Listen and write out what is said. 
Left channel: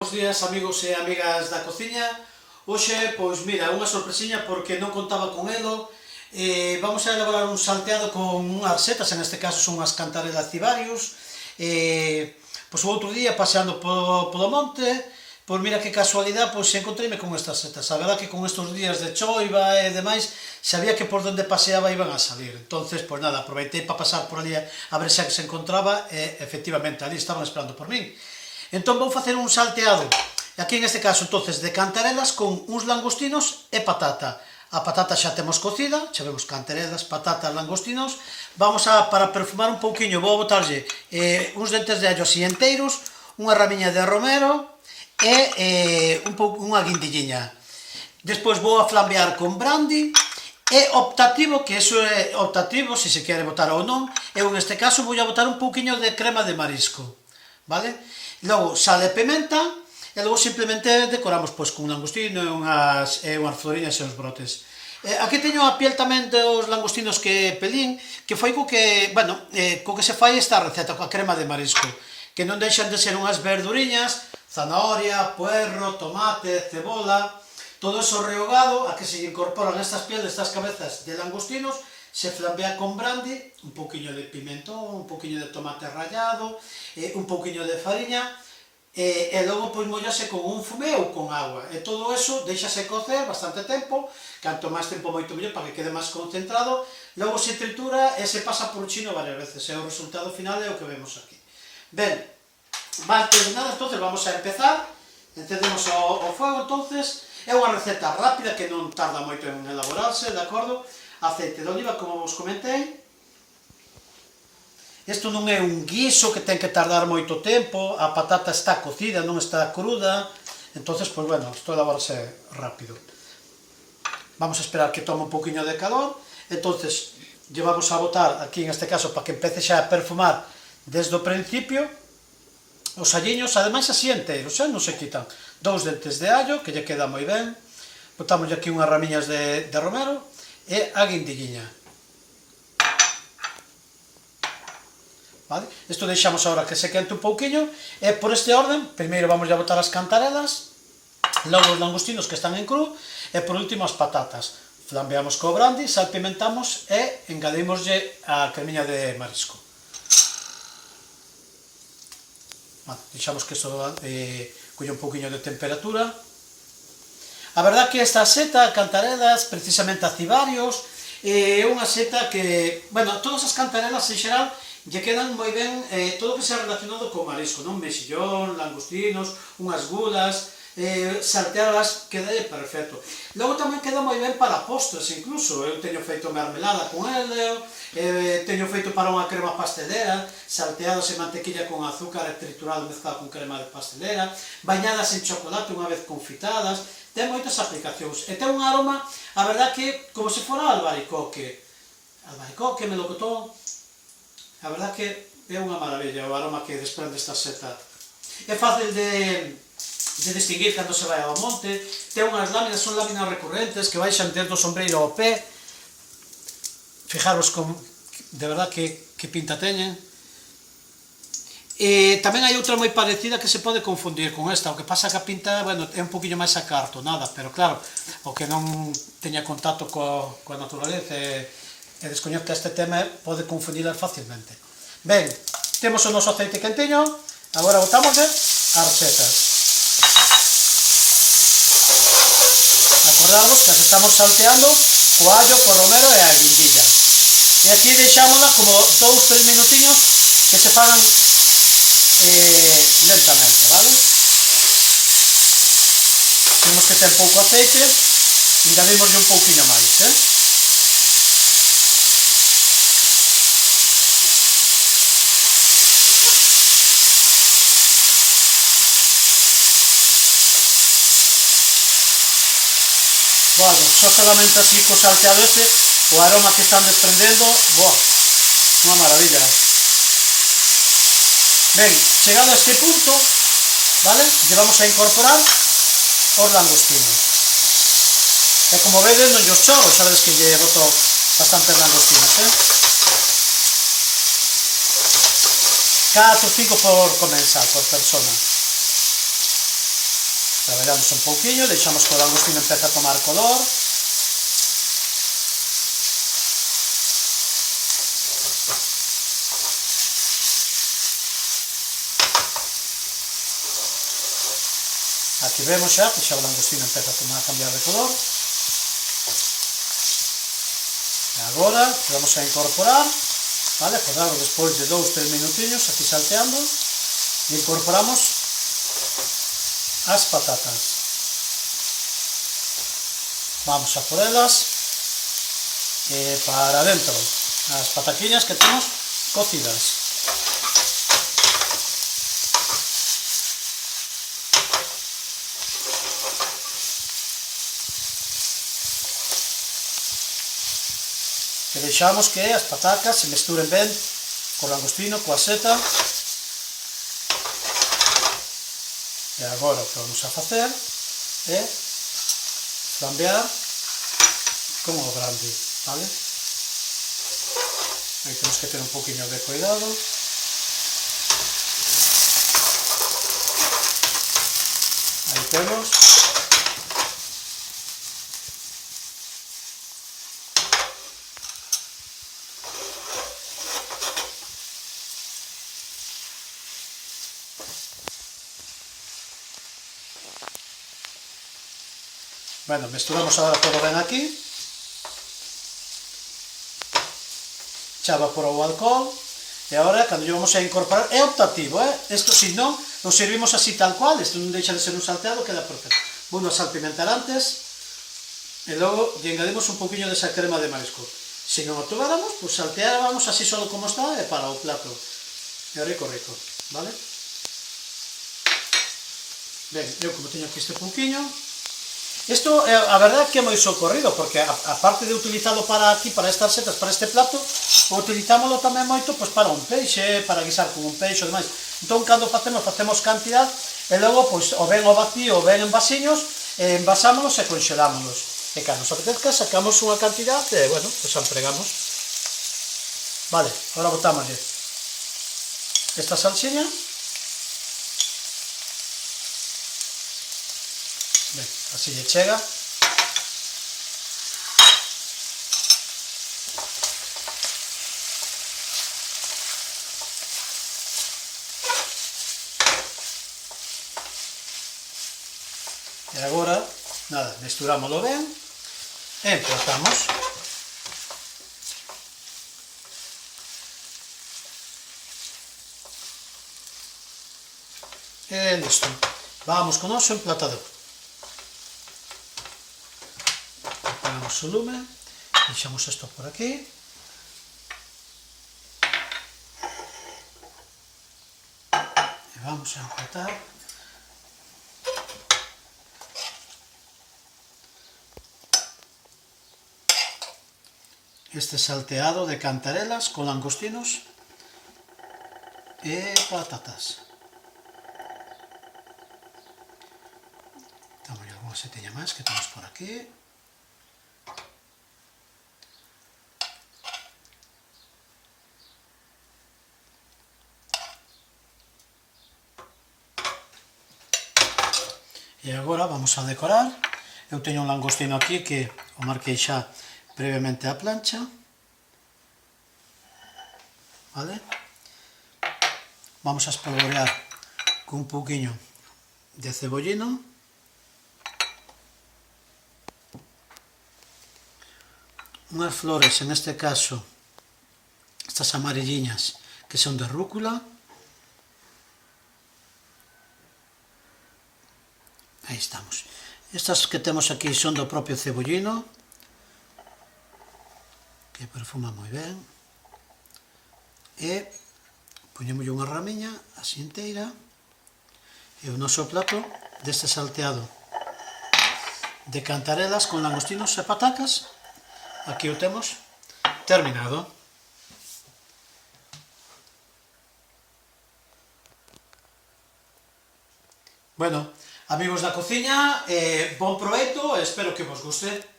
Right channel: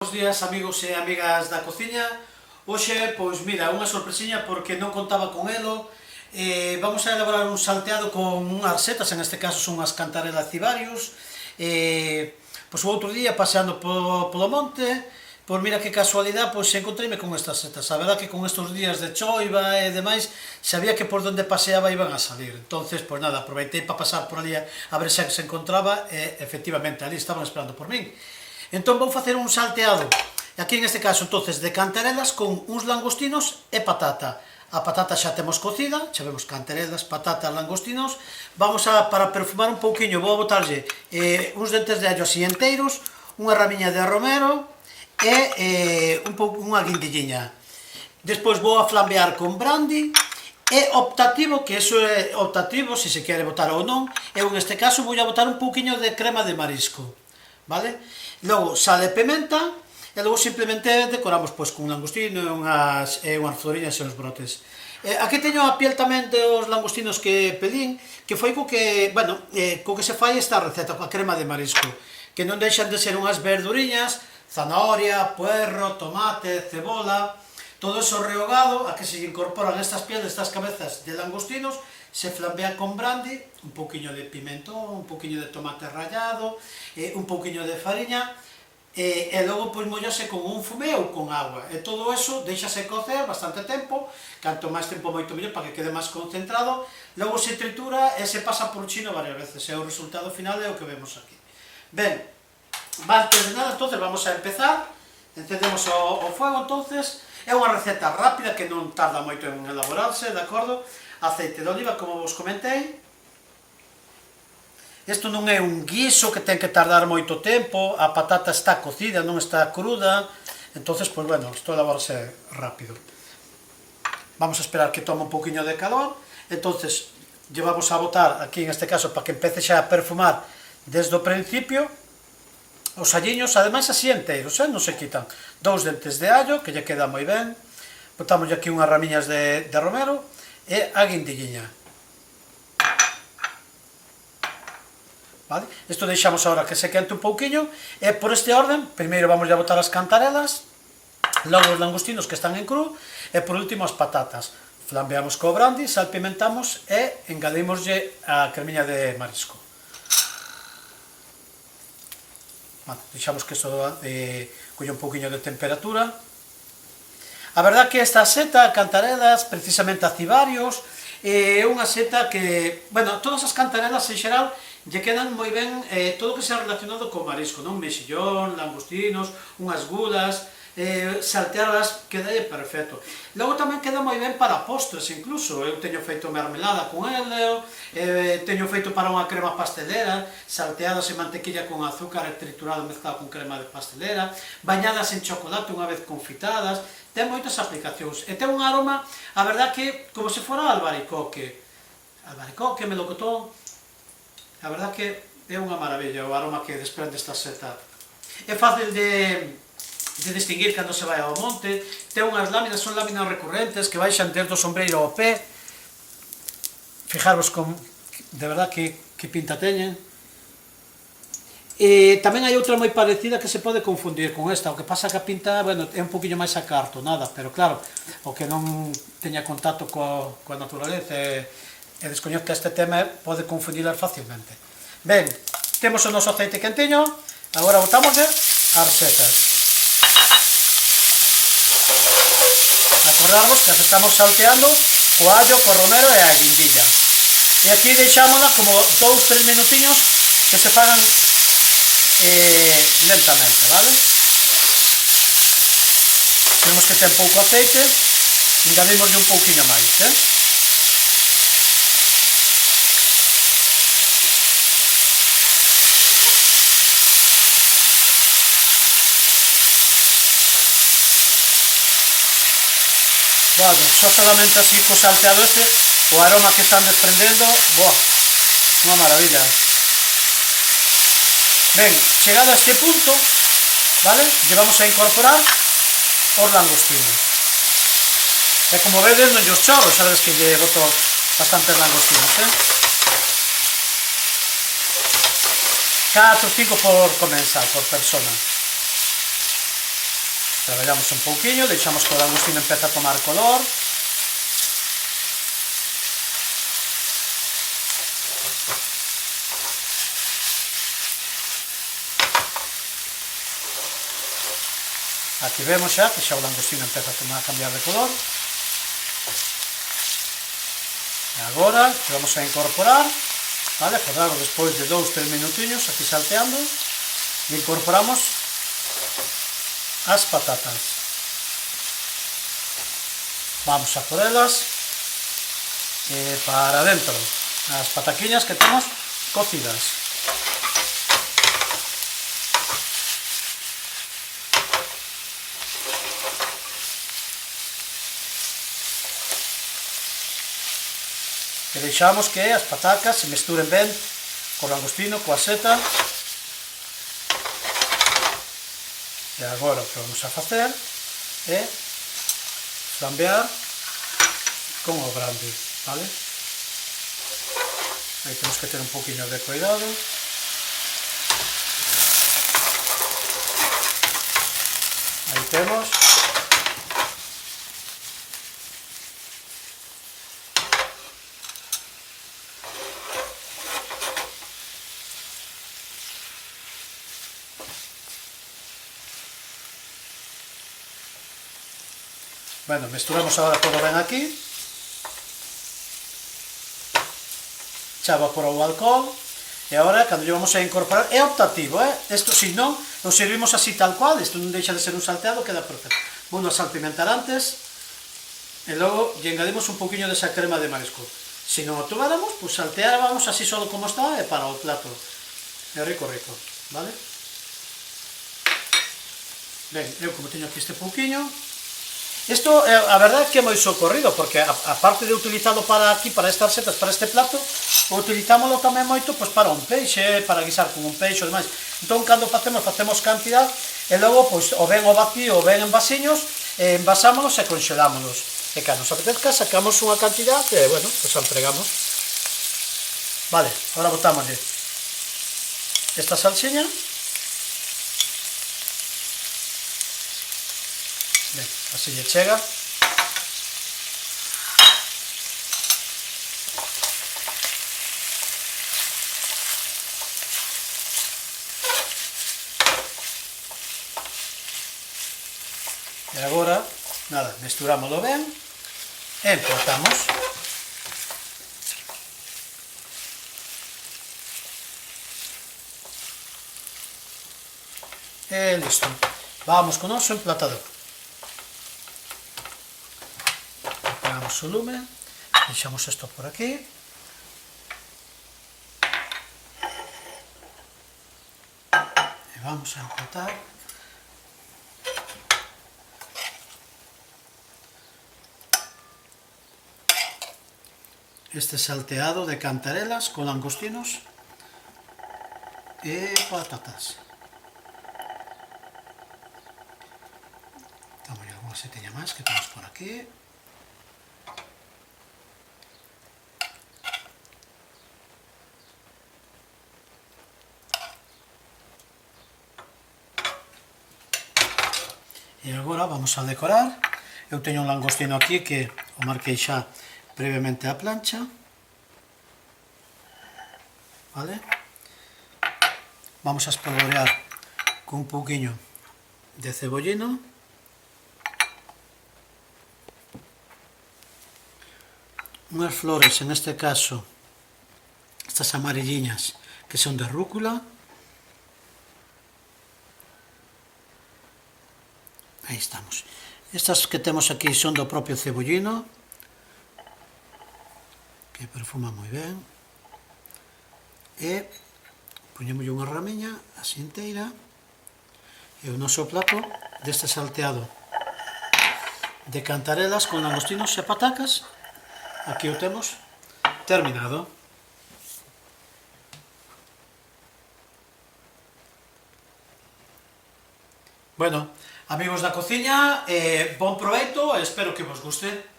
Bos días, amigos e amigas da cociña. Hoxe, pois mira, unha sorpresiña porque non contaba con elo. Vamos a elaborar un salteado con unhas setas, en este caso son unhas cantarelas cibarius. Pois o outro día, paseando polo monte, pois mira que casualidade, pois encontreime con estas setas. A verdad que con estes días de choiva e demais, sabía que por donde paseaba iban a salir. Entonces, pois nada, aproveitei para pasar por ali a ver se se encontraba e, efectivamente, ali estaban esperando por min. Entón vou facer un salteado, aquí en este caso, entonces, de cantarelas con uns langostinos e patata. A patata xa temos cocida, xa vemos cantarelas, patata, langostinos. Vamos a, para perfumar un pouquiño, vou a botarlle uns dentes de allo así enteiros, unha ramiña de romero e unha guindilliña. Despois vou a flambear con brandy e optativo, que eso é optativo, se se quere botar ou non. Eu neste caso vou a botar un pouquiño de crema de marisco, vale? Logo sal e pimenta, e logo simplemente decoramos pois con un langostino e unhas floriñas e uns brotes. Aquí teño a piel tamén dos langostinos que pelín, que foi co que, bueno, co que se fai esta receta, coa crema de marisco, que non deixan de ser unhas verduriñas, zanahoria, puerro, tomate, cebola, todo eso rehogado, a que se incorporan estas pieles, estas cabezas de langostinos, se flambea con brandy, un pouquiño de pimentón, un pouquiño de tomate rallado, un pouquiño de fariña, e logo pois mollase con un fumé ou con agua. E todo eso deixase cocer bastante tempo, canto máis tempo moito mellor para que quede máis concentrado, logo se tritura e se pasa por chino varias veces, e o resultado final é o que vemos aquí. Ben, antes de nada, entonces vamos a empezar, encendemos o fuego, entonces, é unha receta rápida que non tarda moito en elaborarse, de acordo? Aceite de oliva, como vos comentei. Isto non é un guiso que ten que tardar moito tempo, a patata está cocida, non está cruda, entonces, pois bueno, isto elaborase rápido. Vamos a esperar que tome un poquinho de calor, entonces, llevamos a botar aquí, en este caso, para que empece xa a perfumar desde o principio, os alliños, ademais así enteiros, non se quitan. 2 dentes de allo, que lle queda moi ben, botamos aquí unhas ramiñas de romero, e a guindilliña. Vale? Isto deixamos agora que se quente un pouquiño, e por este orden, primeiro vamos a botar as cantarelas, logo os langostinos que están en cru, e por último as patatas. Flambeamos co brandy, salpimentamos e engadimoslle a cremiña de marisco. Vale, deixamos que isto colle un pouquiño de temperatura. A verdad que esta seta, cantarelas, precisamente a cibarios, é unha seta que, bueno, todas as cantarelas en xeral lle quedan moi ben todo o que sea relacionado co marisco, non? Mexillón, langostinos, unhas gulas, salteadas, queda perfecto. Logo tamén queda moi ben para postres, incluso. Eu teño feito mermelada con ele, teño feito para unha crema pastelera, salteadas en mantequilla con azúcar e triturado mezclado con crema de pastelera, bañadas en chocolate unha vez confitadas. Ten moitas aplicacións, e ten un aroma, a verdad que, como se fora albaricoque, melocotón, a verdad que é unha maravilla o aroma que desprende esta seta. É fácil de distinguir cando se vai ao monte, ten unhas láminas, son láminas recurrentes que baixan desde o sombreiro ao pé, fijaros de verdad que pinta teñen. E tamén hai outra moi parecida que se pode confundir con esta, o que pasa que a pinta, bueno, é un poquinho máis acartonada, pero claro, o que non teña contacto coa naturaleza e descoñezca este tema pode confundilas facilmente. Ben, temos o noso aceite quentiño, agora botámosle as setas. Acordamos que as estamos salteando co allo, co romero e a guindilla. E aquí deixámola como 2-3 minutiños que se fagan lentamente, vale? Temos que ter pouco aceite, engadimoslle un pouquinho máis, Bueno, só solamente así co salteado este, o aroma que están desprendendo, boa, unha maravilla. Ben, chegado a este punto, vale, lle vamos a incorporar os langostinos. E como vedes, non os chorro, sabedes que lle boto bastantes langostinos, 4 ou 5 por comensal, por persona. Traballamos un pouquiño, deixamos que o langostino empece a tomar color. Aquí vemos xa que xa o langostino empeza a cambiar de color. E agora vamos a incorporar, vale, acordamos despois de 2-3 minutiños aquí salteando, e incorporamos as patatas. Vamos a por elas para dentro, as pataquiñas que temos cocidas. E deixamos que as patacas se mesturen ben co langostino, coa seta. E agora o que vamos a facer é flambear con o grande, vale? Aí temos que ter un poquinho de cuidado. Aí temos. Bueno, mesturamos agora todo ben aquí. Xa evaporou o alcohol. E agora, cando lle vamos a incorporar, é optativo, isto, se non, o servimos así tal cual, isto non deixa de ser un salteado, queda perfecto. Bueno, a salpimentar antes, e logo lle engadimos un poquinho desa crema de marisco. Se non o tomáramos, pues salteábamos así solo como está, e para o plato. É rico, rico, vale? Ben, eu como teño aquí este pouquiño, isto, a verdade é que é moi socorrido, porque aparte de utilizalo para aquí, para estas setas, para este plato, utilizámoslo tamén moito pois, para un peixe, para guisar con un peixe e demais. Entón, cando facemos cantidad, e logo, pois, o ben o vacío, o ben en vasiños, envasámonos e conxelámonos. E cando nos apetezca, sacamos unha cantidad e, bueno, pois empregamos. Vale, agora botámosle esta salsiña. Ben, así lle chega. E agora, nada, mesturámoslo ben e emplatamos. E listo. Vamos con o noso emplatador. O lume, deixamos isto por aquí. E vamos a emplatar. Este salteado de cantarelas con langostinos e patatas. Damos alguna setella máis que temos por aquí. E agora vamos a decorar. Eu teño un langostino aquí que o marquei xa previamente á plancha. Vale? Vamos a espolvorear con un pouquiño de cebollino. Unhas flores, en este caso, estas amarilliñas, que son de rúcula. Aí estamos. Estas que temos aquí son do propio cebollino, que perfuma moi ben. E poñémoslle unha ramiña así inteira. E o noso plato deste salteado de cantarelas con langostinos e patacas, aquí o temos terminado. Bueno, amigos da cociña, bon proveito e espero que vos guste.